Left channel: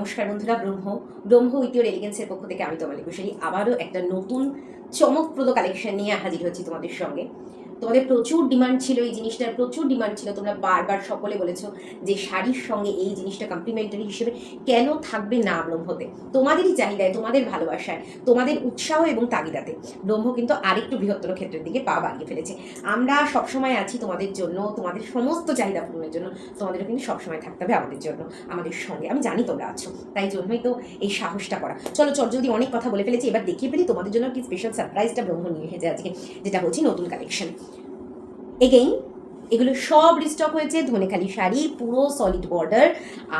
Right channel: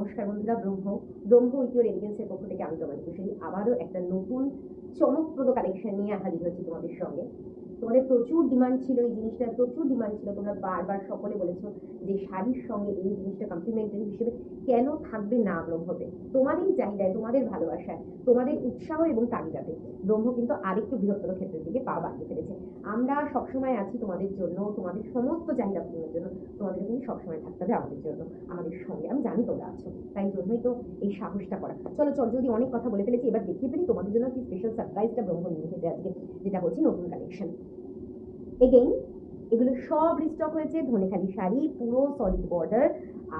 নমস্কার বন্ধুরা, ব্রহ্ম with your এলিগেন্সের পক্ষ থেকে আমি তোমাদের কুশলী আবারও একটা নতুন চমকপ্রদ কালেকশন নিয়ে হাজির হচ্ছি তোমাদের সঙ্গে। তোমাদের প্রচুর ডিমান্ড ছিল, এই জিনিসটার প্রচুর ডিমান্ড ছিল। তোমরা বারবার সকলে বলেছো যে শাড়ির সঙ্গে এই জিনিসটা কমপ্লিমেন্টারি হিসেবে কেন থাকবে না ব্রহ্মতে। তোমাদেরই চাহিদায়, তোমাদের ভালোবাসায়, তোমাদের উৎসাহ এবং তাগিদাতে ব্রহ্ম কিন্তু আরেকটু বৃহত্তর ক্ষেত্রের দিকে পা বাড়িয়ে ফেলেছে। আমরা সবসময় আছি তোমাদের জন্য, তোমাদের সমস্ত চাহিদা পূরণের জন্য। তোমাদেরও কিন্তু সবসময় থাকতে হবে আমাদের জন্য, আমাদের সঙ্গে। আমি জানি তোমরা আছো, তাই জন্যই তো এই সাহসটা করা। চলো যদি অনেক কথা বলে ফেলেছি, এবার দেখিয়ে ফেলি তোমাদের জন্য কি স্পেশাল সারপ্রাইজটা ব্রহ্ম নিয়ে এসেছে আজকে, যেটা বলছি নতুন কালেকশন। এগেইন এগুলো সব রিস্টক হয়েছে, ধনেখালি শাড়ি, পুরো সলিড বর্ডার।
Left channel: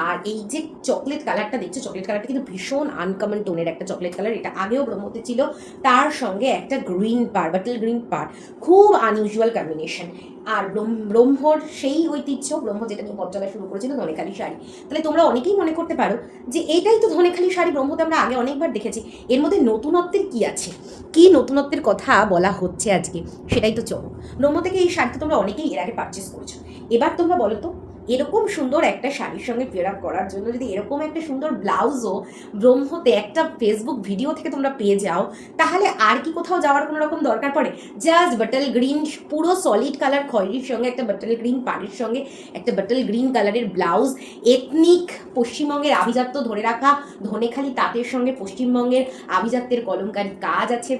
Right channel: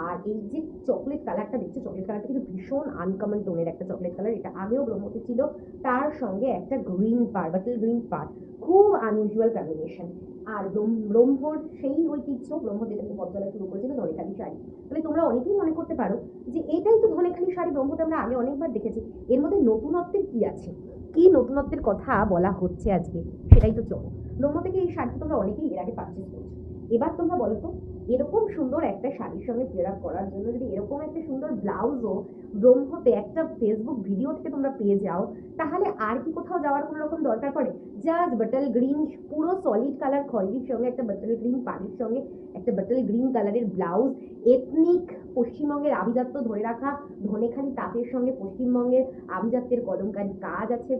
আর এই যে চকলেট কালারটা দেখছো, চকলেট কালারটা কিন্তু ভীষণ আনকমন টোনের একটা চকলেট কালার। এটা আগেও ব্রহ্মতে ছিল, তার সঙ্গে একটা গ্রিন পার, বাটল গ্রিন পার, খুব আনইউজুয়াল কম্বিনেশন। আর ব্রহ্মর সেই ঐতিহ্য, ব্রহ্ম যেটা নিয়ে পথ চলা শুরু করেছিল, ধনেখালি শাড়ি। তাহলে তোমরা অনেকেই মনে করতে পারো যে এটাই তো ধনেখালি শাড়ি, ব্রহ্মতে আমরা আগে অনেকবার দেখেছি। এর মধ্যে নতুনত্বের কি আছে, কি নতুনত্বের কথা বলা হচ্ছে আজকে, সেটাই তো চলো। ব্রহ্ম থেকে এই শাড়িটা তোমরা অনেকেই এর আগে পারচেস করেছো। এবার তোমরা বলো তো, এরকম সুন্দর একটা শাড়ির সঙ্গে পেয়ার আপ করার জন্য যদি এরকম একটা সুন্দর ব্লাউজও ব্রহ্মতে একটা ফেসবুক ভিডিও থেকে তোমরা পেয়ে যাও, তাহলে আর কি কোথাও যাওয়ার কোনো রকম দরকার পড়ে? জাস্ট বাটল গ্রিন, পুরো সলিড কালার খয়েরির সঙ্গে একটা বাটল গ্রিন পাড়ের সঙ্গে একটা বাটল গ্রিন কালারের ব্লাউজ, এথনিক পশ্চিমবঙ্গের আভিজাত্য ধরে রাখা ধনেখালি তাঁতের সঙ্গে পশ্চিমবঙ্গের আভিজাত্যের কলমকারী কাজ আছে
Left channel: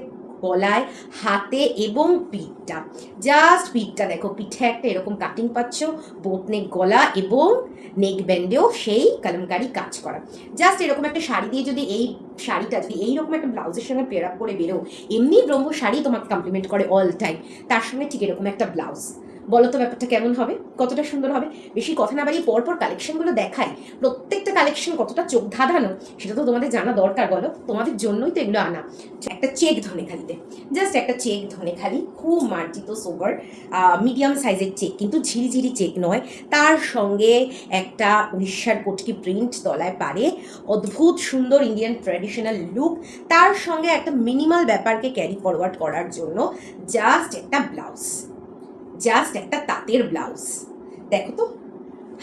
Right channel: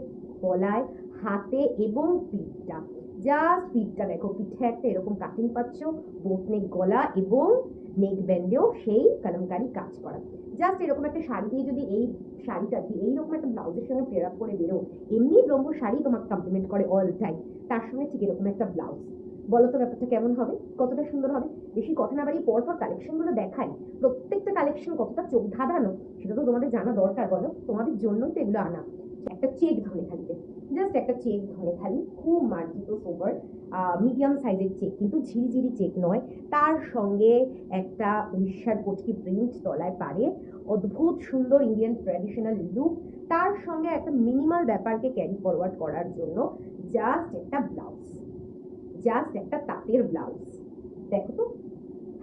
গলায়, হাতে এবং পিঠটা। জাস্ট পিঠটা দেখো, পিঠে একটা এরকম কাটিং পাচ্ছ, বোট নেক গলা এবং নেক ব্যান্ডেও সেই কলমকারি কাজ করা। জাস্ট এরকম একটা শাড়ি দিয়ে যদি এই শাড়িটা যদি এইরকম একটা ব্লাউজের সঙ্গে পেয়ার আপ করে বেরো, এমনি ব্রহ্ম শাড়ি তোমাকে কমপ্লিমেন্ট করে অল টাইম, তার সঙ্গে ঠিক এরকম একটা ব্লাউজ। বলো তো ব্যাপারটা কেমন হবে, কতটা সুন্দর হবে? বেশি কথা না বাড়িয়ে পরপর কালেকশনগুলো দেখাই। প্রত্যেকটা কালেকশন কতটা চোখ ধাঁধানো সেটা তো তোমাদের জানা দরকার, বলো। তোমাদের জন্যই তো এগুলো আনা। একটা চেক ধনেখালিতে, জাস্ট একটা চেক ধনেখালি, খুব মার্জিত সোবার মিডিয়াম সাইজের চেক, কিন্তু ঝিরিঝিরি চেক নয়। তার সঙ্গে একটা উড়িষ্যার কটকি প্রিন্ট তলায় পারে, অদ্ভুত সুন্দর ইন্ডিয়ান ট্র্যাডিশনাল লুক। তার সঙ্গে একটা মিনিমাল ব্যাপারকে ক্যারি ফরওয়ার্ড করার জন্য জাস্ট একটা ব্লাউজ, জাস্ট একটা তাঁতের ব্লাউজ। দেখো তো,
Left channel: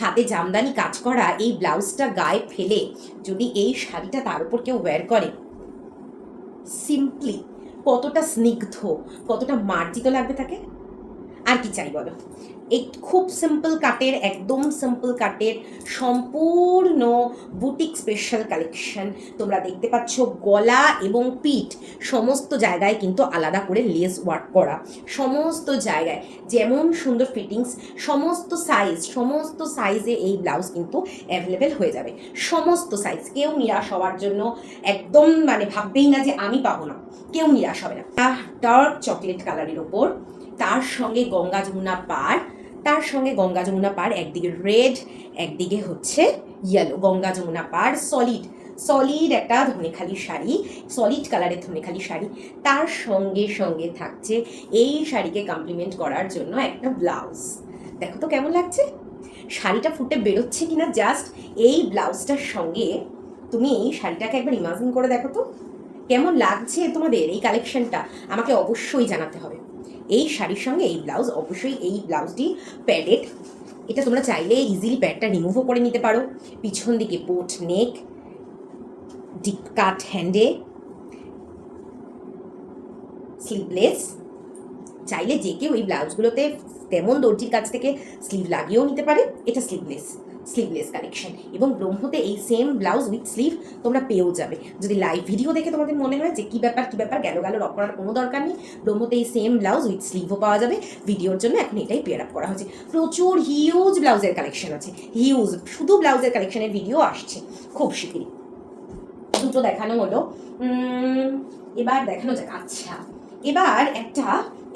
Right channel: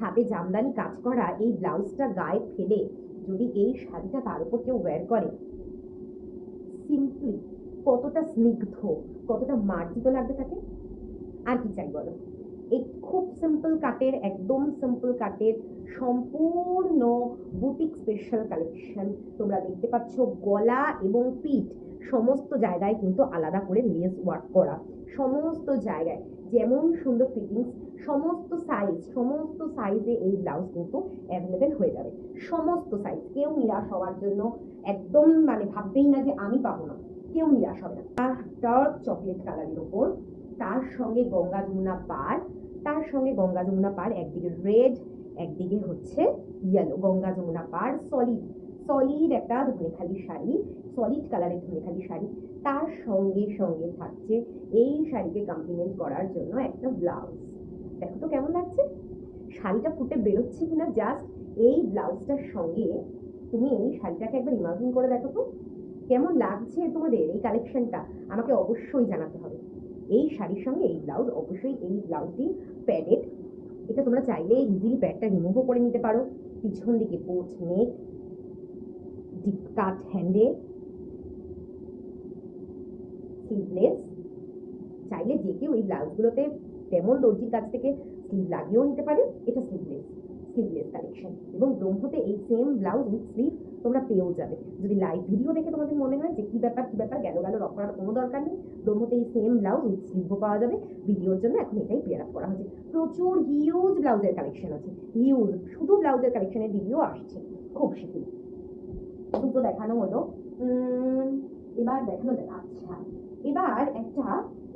হাতে জামদানি কাজ করা এই ব্লাউজটা গায়ে ফেলে যদি এই শাড়িটা তার উপর কেউ ওয়্যার করে, সিম্পলি কতটা স্নিগ্ধ, কতটা মার্জিত লাগবে তাকে। আর কি চাই বলো? এই খুব সিম্পল কাটের, একদম সিম্পল কাটের সম্পূর্ণ বুটিক স্পেশাল কালেকশন তোমরা দেখতে পাচ্ছ। গলা এবং পিঠ সমস্ত জায়গায় কিন্তু আলাদা করে লেস ওয়ার্ক করা, সমস্ত জায়গায় যেমন সুন্দর ফিটিংস, সমস্ত সাইজে এই ব্লাউজ কিন্তু অ্যাভেলেবেল হয়ে যাবে। সমস্ত সাইজ, কেউ নিরাশ হওয়ার জন্য একদম মানে ভাববেই না যে আমি পাবো না, কেউ নিরাশ হবে না। ডার্ক চকলেট কালারের ওপর তার সঙ্গে গঙ্গা যমুনা পাড়, তার সঙ্গে গঙ্গা যমুনা পাড়, একদিকে রেড একদিকে হচ্ছে ইয়েলো, গঙ্গা যমুনা পাড়, সলিড একটা ধনেখালি শাড়ি, সলিড কালারের ধনেখালি শাড়ি। তার সঙ্গে সঙ্গে থাকছে এই শাড়িকে কমপ্লিমেন্ট করার জন্য একটা ব্লাউজ। দেখো তো কেমন লাগছে, শাড়িটা ফুটে বেরোচ্ছে কিনা জাস্ট এই ব্লাউজটার সঙ্গে। তুমি এই শাড়িটাকে একবার ইমাজিন করে দেখো তো কেমন লাগছে তোমাদের এই কালেকশনটা, আমাকে অবশ্যই জানাতে হবে। এই শাড়ির সঙ্গে এই ব্লাউজ, অবশ্যই এই ব্লাউজটি প্যাডেড। এটা তোমরা চাইলে ইজিলি প্যাডটা রিমুভও করে নিতে পারো। পিছন দিকে পোট নেক, ডিপ কাট হ্যান্ডে, স্লিভলেস। চাইলে যে কেউ এই ব্লাউজগুলোতে তেমন দর্জির কাছ থেকে স্লিভ লাগিয়েও নিতে পারে। এটা স্লিভলেস কালেকশন, এবং ব্রহ্মতে এই সেম ব্লাউজ উইথ স্লিভ তোমরা পেয়েও যাবে। যদি লাইভ ভিডিও দেখে তোমাদের মনে হয় যে কী ব্যাপার গেল রক করার কোনো দরকার নেই, ব্রহ্মতে এই সেম ব্লাউজ উইথ স্লিভও পাওয়া যাবে। ভিডিওর জন্য এখন এটাই পেয়ার আপ করা হচ্ছে। প্রচুর হিউজ ব্লাউজের কালেকশন আছে, হিউজ, শুধু ব্লাউজের কালেকশনের ভিডিও আসছে খুব শিগগিরই। দুটো দেখানো হলো, এবার দেখানো যাক। আচ্ছা, এবার একটা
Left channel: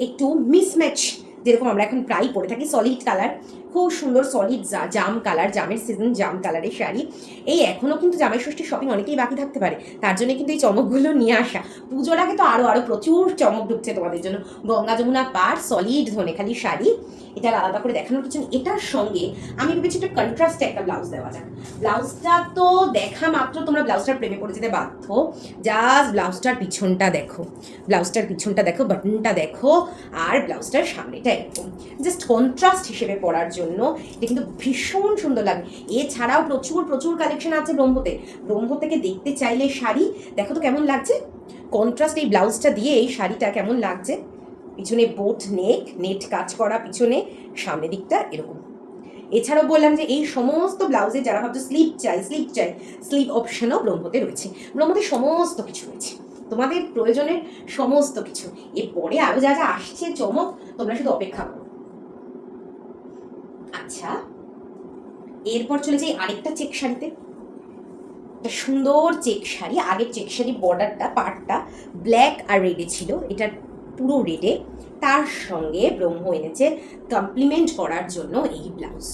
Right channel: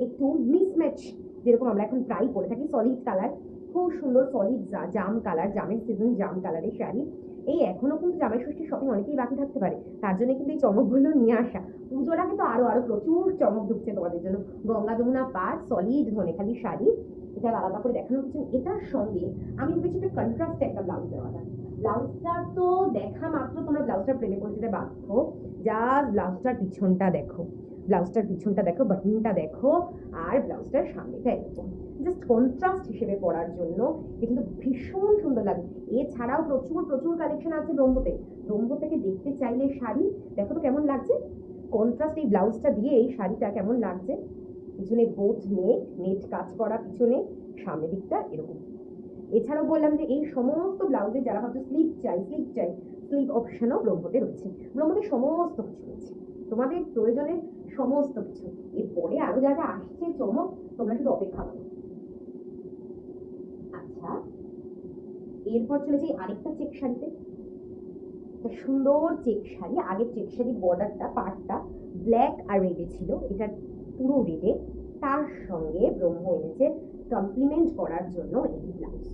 একটু মিসম্যাচ, যেরকম আমরা এখন প্রায় পরে থাকি, সলিড কালার, খুব সুন্দর সলিড জাম কালার, জামের সিজন জাম কালারের শাড়ি। এই এখনও কিন্তু জামাই ষষ্ঠীর শপিং অনেকেই বাকি থাকতে পারে, তার জন্য কিন্তু এই চমকগুলো নিয়ে আসা। পুজোর আগে তো আরও প্রচুর চমক ঢুকছে তোমাদের জন্য। গঙ্গা যমুনা পাড়, সলিড ধনেখালি শাড়ি, এটা আলাদা করে দেখানোর কিছু। এটার সঙ্গে আমি ভেবেছি একটা কন্ট্রাস্টে একটা ব্লাউজ দেওয়া যাক। ব্লাউজটা তো দেখা মাত্র তোমরা ব্লাউজটার প্রেমে পড়ে যেতে বাধ্য। জাস্ট ব্লাউজটার পিছনটা দেখো, বাটনটা দেখো, আর ব্লাউজটার সামনেটা এরকম। জাস্ট কন্ট্রাস্ট হিসেবে পরার জন্য জন্য এটা কিন্তু ভীষণ সুন্দর লাগে। এছাড়াও প্রচুর প্রচুর কালেকশন আছে ব্রহ্মতে। ব্রহ্ম থেকে দেখতে চাইলে শাড়ি দেখো তো কেমন লাগছে, কন্ট্রাস্ট এই ব্লাউজটা দিয়ে এই শাড়িটা কেমন লাগছে। পিছনে বোট নেট কাজ করা পিছনে, সামনের দিকটা এরকম। এছাড়াও বললাম যে এই সমস্ত ব্লাউজে যারা ভাবছো স্লিভ চাই স্লিভ অপশনও ব্রহ্মতে রয়েছে। ব্রহ্মতে সমস্ত কিছু রয়েছে, তোমাদের প্রয়োজনের সমস্ত কিছু। এরপরে আরো যা যা আসছে চমক, তোমরা শুধু অপেক্ষা করো। আচ্ছা, এরপর চলে যাই আরেকটা চেক শাড়িতে। একটা সুন্দর চেক শাড়ি, আগের চেক শাড়ি বর্ডারটা পার্টটা ব্ল্যাক আর রেডে ছিল, এটা পুরো রেডে। তার সঙ্গে ব্রহ্ম এনেছে কমপ্লিমেন্ট করার জন্য এই ব্লাউজ।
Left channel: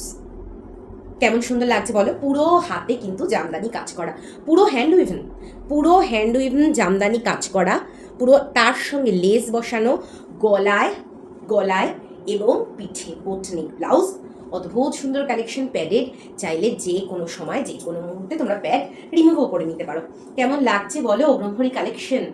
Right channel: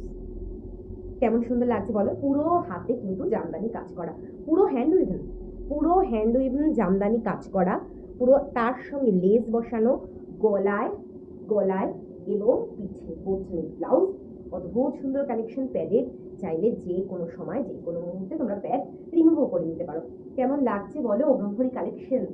কেমন সুন্দর লাগছে বলো, পুরো হাতে কিন্তু জামদানি কাজ করা, পুরো হ্যান্ড উইভেন জামদানি কাজ করা, পুরো তার সঙ্গে লেস বসানো, গলায় এবং পিঠে বোটনিক ব্লাউজ। অদ্ভুত সুন্দর কালেকশন, প্যাডেড, চাইলে যে কোনো সময় যে কোনো মুহূর্তে তোমরা প্যাড রিমুভও করে নিতে পারো। কেমন লাগছে বলো ব্রহ্মরী কালেকশন?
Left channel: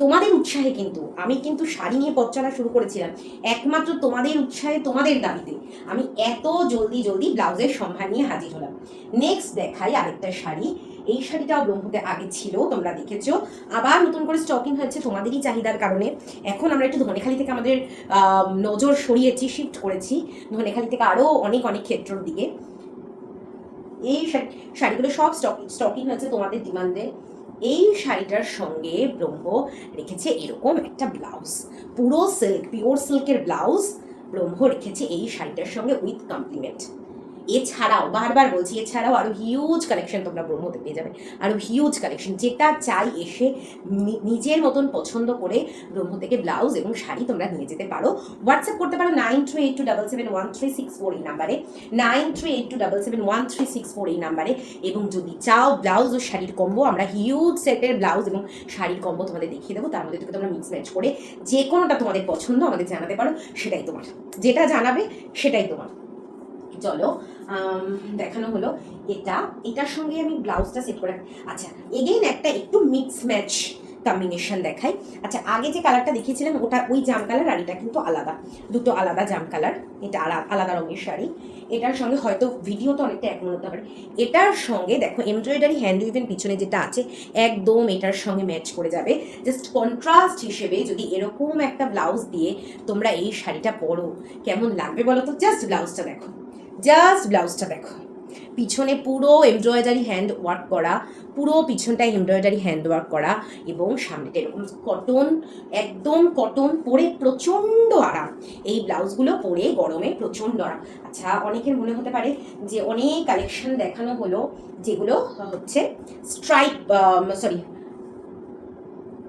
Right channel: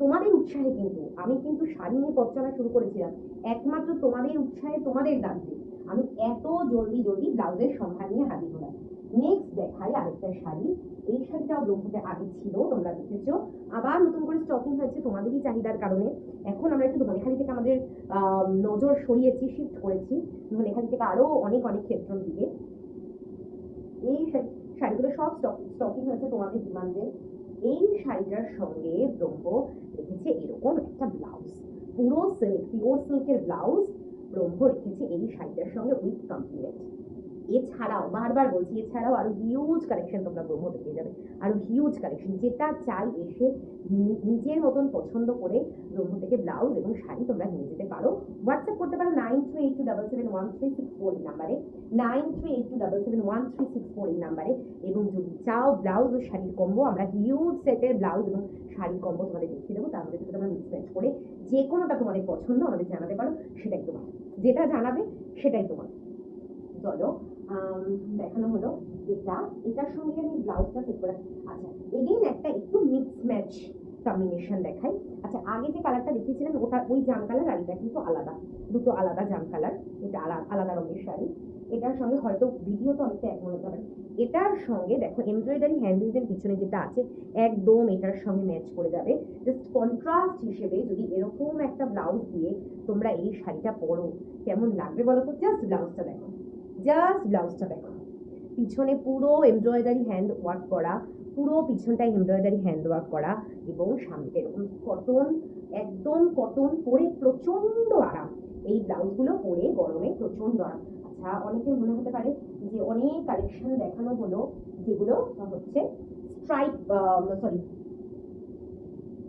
তোমাদের উৎসাহে কিন্তু আমি কিন্তু শাড়ি নিয়ে পথ চলা শুরু করেছিলাম, একমাত্র তোমাদের উৎসাহে, তোমাদের দাবিতে আমি এত জলদি ব্লাউজের সম্ভার নিয়ে হাজির হলাম। নেক্সট দেখাই আরেকটা শাড়ি। এই শাড়িটাও ব্রহ্মতে আগে ছিল, তোমরা দেখেছো, আবার নতুন করে স্টকিং হয়েছে তোমাদেরই চাহিদার কারণে। এখন আমরা একটু ধনেখালি থেকে আমাদের নজর সরিয়েছি, শিফট করেছি ধনেখালি থেকে আরও অনেক ক্ষেত্রের দিকে। এই শাড়িগুলো সব স্টকিং হয়েছে তোমাদের ডিমান্ডে। এই শাড়িটার সঙ্গে ব্রহ্ম রেখেছে এরকম একটা ব্লাউজ, পুরো সিল্ক, পিওর সিল্কের ব্লাউজ ব্রহ্ম রেখেছে এই শাড়িটার সঙ্গে উইথ কমপ্লিমেন্ট। এছাড়াও বারবার বলছি, এছাড়াও আরও হিউজ কালেকশন তোমরা ব্রহ্মতে পেয়ে যাবে, আরও হিউজ কালেকশন। যেটা চাই এসে নিজের মতন পছন্দ করে ব্রহ্ম থেকে ব্লাউজ এবং শাড়ি তোমরা নিয়ে যেতে পারো। হোয়াটসঅ্যাপ করতে পারো 9382771364 এই নাম্বারে, 9382771364 এই নাম্বারে। এবং যদি চাও ব্লাউজ ও শাড়ির কম্বো, আমরা হিউজ সেটের ব্লাউজ এবং শাড়ির কম্বো তোমাদের দেখিয়ে দেবো। তার মধ্যে থেকে তোমরা মিক্স ম্যাচ করে যে কোনোটা তোমাদের পছন্দ আমাদের জানাতে পারো, সেটাই তোমার, যেটা জানাবে সেটাই তোমার। চলো দেখানো হলো এটার সঙ্গে আমি ব্লাউজটা সেট করে। আচ্ছা, এগেইন একটা একটু মিক্স ম্যাচ কম্বিনেশন দেখাই। আচ্ছা, আগে যে কালারটা দেখিয়েছিলাম ওটা ওই জাম কালার, আর এটা কিন্তু আলাদা, দুটো আলাদা জাম কালার। এটা আলাদা রঙের শাড়ি। এটার সঙ্গে হয়তো ভিডিওটা অনেকটা এক মনে হতে পারে। এটার সঙ্গে দেখো এমব্রয়ডারি হ্যান্ড উইভেন পিছনে যেটা আছে একদম এটার সঙ্গে ম্যাচ করে যাবে। জাস্ট কন্ট্রাস্ট হিসেবে যদি এরকম একটা ব্লাউজ দিয়ে তোমরা এই শাড়িটা পরো, কেমন লাগবে বলো তো? জাস্ট ব্লাউজটা দেখো, পিছনে পুরো এমব্রয়ডারি হ্যান্ড ওয়ার্ক করা, পুরো পিছনটায় এমব্রয়ডারি হ্যান্ড ওয়ার্ক করা, এবং সামনেটা এরকম কটন, একদম কটন, পরে প্রচণ্ড আরাম। এই ব্লাউজগুলো পরে গরমে প্রচণ্ড আরাম। আচ্ছা, অনেকের মনে হতে পারে যে অনেক কালেকশন দেখানো হলো যেগুলো হচ্ছে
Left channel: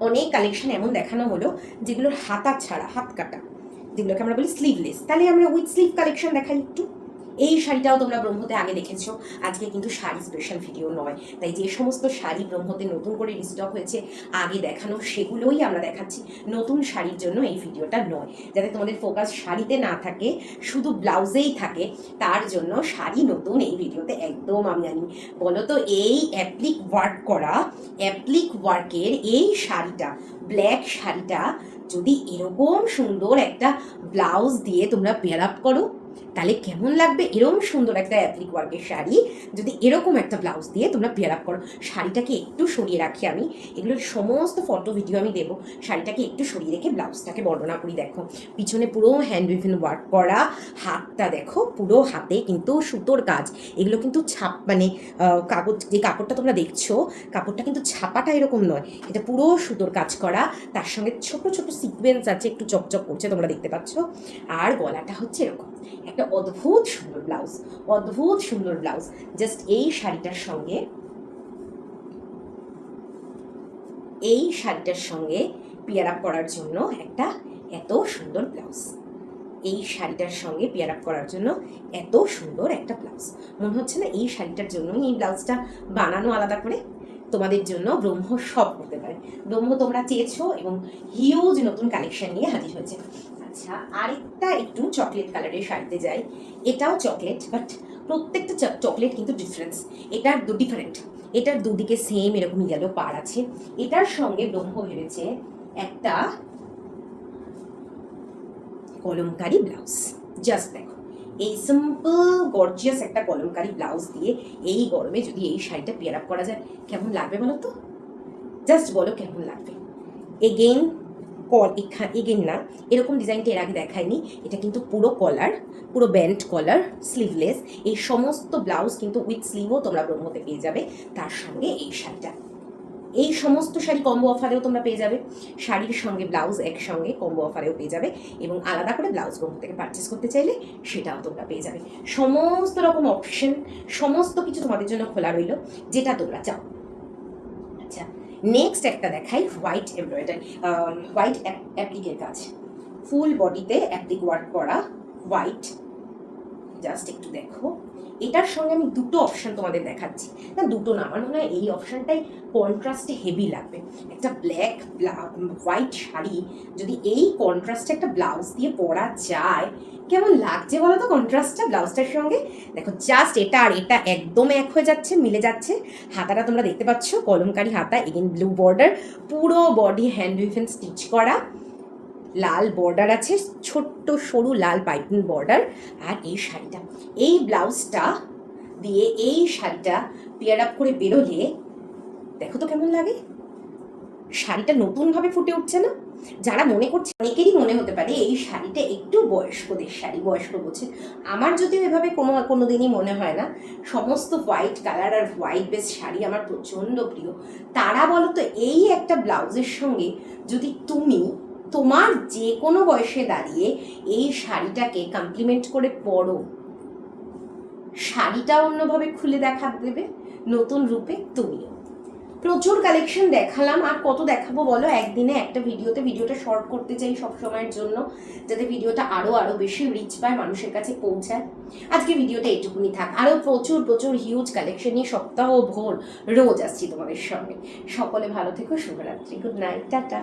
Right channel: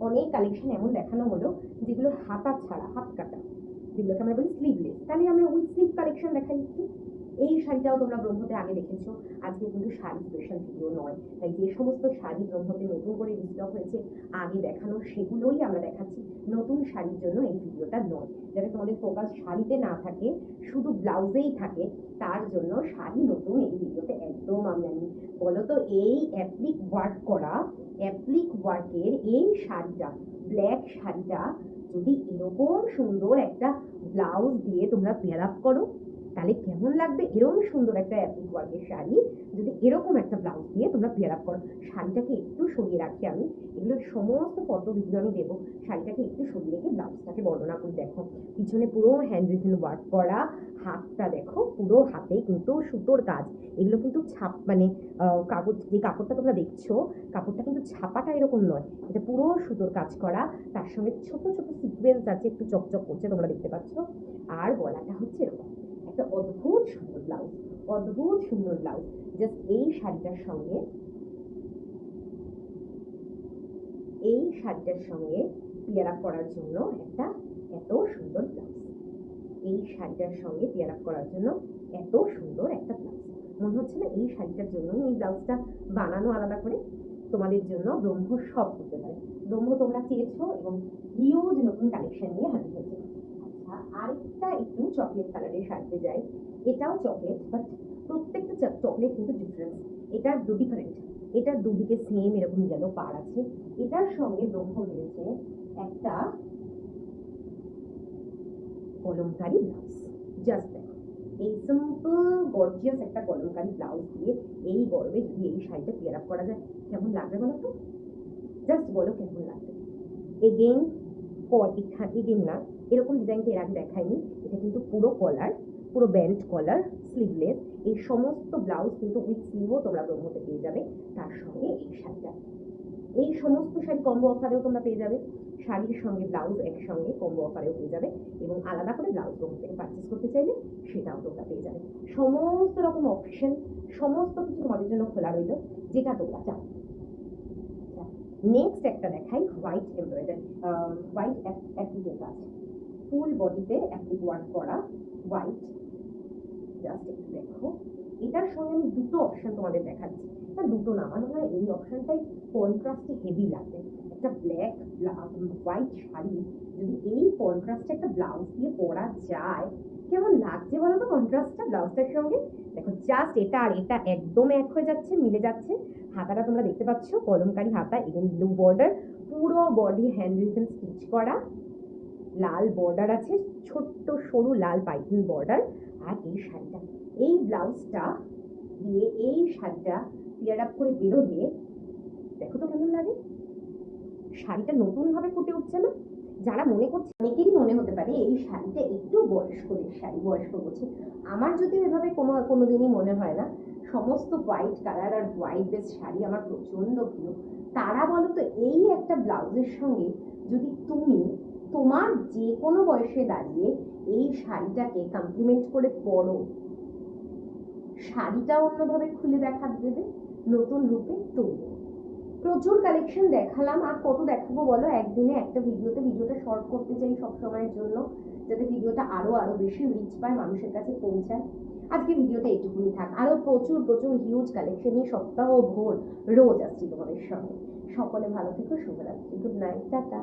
অনেক কালেকশন এমন দেখানো হলো যেগুলোর হাতা ছাড়া, হাত কাটা, যেগুলোকে আমরা বলি স্লিভলেস। তাহলে আমরা উইথ স্লিভ কালেকশন দেখাই একটু। এই শাড়িটাও তোমরা ব্রহ্মতে আগে দেখেছো, আজকে কিন্তু শাড়ি স্পেশাল ভিডিও নয়, তাই যে সমস্ত শাড়ি ব্রহ্মতে নতুন করে রিস্টক হয়েছে আগে দেখানো সেগুলোই আমরা দেখাচ্ছি। নতুন শাড়ির জন্য এই ভিডিওটা নয়, যাতে তোমাদের ফোকাস শাড়িতে না থাকে, শুধু ব্লাউজেই থাকে, তার জন্য শাড়ি নতুন এই ভিডিওতে একদম আমি আনি। বলো তো, এই অ্যাপ্লিক ওয়ার্কের এই শাড়িটা, ব্ল্যাক শাড়িটা যদি এরকম সুন্দর একটা ব্লাউজ দিয়ে তোমরা পেয়ার আপ করো, তাহলে কেমন লাগবে? এরকম সুন্দর একটা অ্যাপ্লিক ওয়ার্কের শাড়ি যদি এরকম একটা ব্লাউজ দিয়ে তোমরা পেয়ার আপ করো। শাড়িটাকে একটু সরিয়ে রাখি আমি, এগুলোর সমস্ত ফটো ভিডিও আমি দেবো। শাড়িটাকে একটু সরিয়ে রেখে ব্লাউজটাকে বর্ণনা করি। দেখো পিছনে পুরো হ্যান্ড উইভেন ওয়ার্ক করা, হাতটা দেখো, পুরো হাতে কিন্তু সুতোর কাজ। এগুলো কিন্তু কাগজ, যে কাপড়টা তোমরা দেখছো, কাপড়টা কিন্তু ছাপাটা এরকম নয়, এটা পুরো সুতোর কাজ করা। তার সঙ্গে ছোট ছোট সিকোয়েন্স আছে, একটু চকচক করছে, তোমরা দেখতে পাচ্ছ। আর গলাটা হচ্ছে এরকম একটা অদ্ভুত সুন্দর ব্লাউজ। জাস্ট এই শাড়িটার সঙ্গে পেয়ার আপ করার জন্য একটা এত সুন্দর ব্লাউজ, এই শাড়িটার সঙ্গে পেয়ার আপ করার জন্য এত সুন্দর একটা ব্লাউজ। মনে হচ্ছে না এই শাড়িটার জন্যই এই ব্লাউজটা বানানো আলাদা করে? তোমাদের জন্য ব্রহ্ম সব করতে পারে। ব্রহ্ম তোমরা চেয়েছো এবং হিউজ নতুন কালেকশন নিয়ে হাজির হয়েছে। আচ্ছা, আরেকটা একটু চকলেট কালারের শাড়িতে যাই। এটাও চকলেট, বাট প্রত্যেকটা চকলেট কিন্তু ডিফারেন্ট। এটার দুদিকে সেম এরকম ইয়েলো পার আছে। এটার সঙ্গে ব্রহ্ম ভেবেছে একটা কলমকারি ব্লাউজ। জাস্ট দেখো, এই সিম্পল গর্জিয়াস একটা কলমকারি ব্লাউজ দিয়ে এই গরমে যদি এই শাড়িটা পেয়ার আপ করা যায় কেমন লাগবে বলো তো? জাস্ট বলো কেমন লাগবে। এগেইন এগেইন না, এরকম ডিজাইনটা এর আগে দেখায়নি। এটা কিন্তু পুরো কলার, পুরো ব্যান্ড কলার, স্লিভলেস, এই সমস্ত ব্লাউজ কিন্তু উইথ স্লিভও তোমরা ব্রহ্মতে পেয়ে যাবে। তার সঙ্গে এই শাড়িটা, এই সমস্ত শাড়ি কম্বো অফারেও তোমরা পেয়ে যাবে। শাড়ির সঙ্গে ব্লাউজ একসঙ্গে কম্বো অফারেও পেয়ে যাবে, এবং আলাদা করে ব্লাউজ ব্রহ্ম থেকে পারচেস করতে চাইলে সেটাও তোমরা পেয়ে যাবে। সমস্ত রকম অপশন, সমস্ত কিছু তোমাদের জন্য খোলা রইল, যেটা তোমরা চাও। আচ্ছা, নেক্সট একটা দেখাই, হোয়াইট এমব্রয়ডারি, হোয়াইট অ্যাপ্লিকের কাজ, ফুল বডিতে অ্যাপ্লিক ওয়ার্ক করা হোয়াইট। জাস্ট একটু দেখো, এটার সঙ্গে আমি দুটো অপশন তোমাদের দেখাচ্ছি, না দুটো না, আমার মনে হয় এই অপশনটাই কন্ট্রাস্টে হেভি লাগবে। একটা ব্ল্যাক হোয়াইট শাড়ি যদি এই কন্ট্রাস্টে একটা ব্লাউজ দিয়ে পরা যায় কেমন লাগছে বলো তো কন্ট্রাস্টটা ব্লাউজটার সঙ্গে। দেখো জাস্ট এটা আর এটা একদম এক হয়ে যাচ্ছে, মিলে যাচ্ছে। হাতাটা তোমরা দেখতে পাচ্ছ, কলমকারি হাতা, এগেন ব্লু বর্ডার, পুরো বডি হ্যান্ড উইভেন স্টিচ করা, লাল বর্ডার আছে, ছোট্ট সরু লাল পাইপিং বর্ডার। আর এই শাড়িটা, এই ব্লাউজটা দিয়ে এই শাড়িটা পেয়ার আপ করে বেরোলে দেখো তো কেমন লাগে। শাড়িটা নতুনভাবে ফুটে উঠছে না? যারা মনে করছে, অনেকেরই মনে হতে পারে এই শাড়িটা একটু বয়স্কদের শাড়ি, বয়স্ক বলছে। আমার যদিও এভাবে কোনো দিনই মনে হয় না। সমস্ত হোয়াইট কালার আর হোয়াইট বেস শাড়ি আমার প্রচণ্ড প্রিয়। তারা বলো তো এই একটা ব্লাউজের সঙ্গে যদি তুমি তোমার যে কোনো বয়সে দাঁড়িয়ে এই শাড়িটাকে কমপ্লিমেন্ট করে পরো, শাড়িটা অন্যভাবে খুলে দেখা দেবে নতুন রূপে তুমিও। প্রচুর কালেকশন দেখালাম, আর কত দেখাবো বলো একদিনে একটা ভিডিওতে। ভিডিওটা শর্ট করতে চাই সব সময়ের জন্য, যাতে ভিডিওটা আরও বেশি রিচ পায়, মানুষের কাছে পৌঁছায়। আজকে ভিডিওটা এটুকুনি থাক, আরও প্রচুর হিউজ কালেকশন নিয়ে সপ্তাহ ভোর রোজ আসছি তোমাদের সঙ্গে। সকলে ভালো থেকো, শুভরাত্রি, গুড নাইট, টাটা।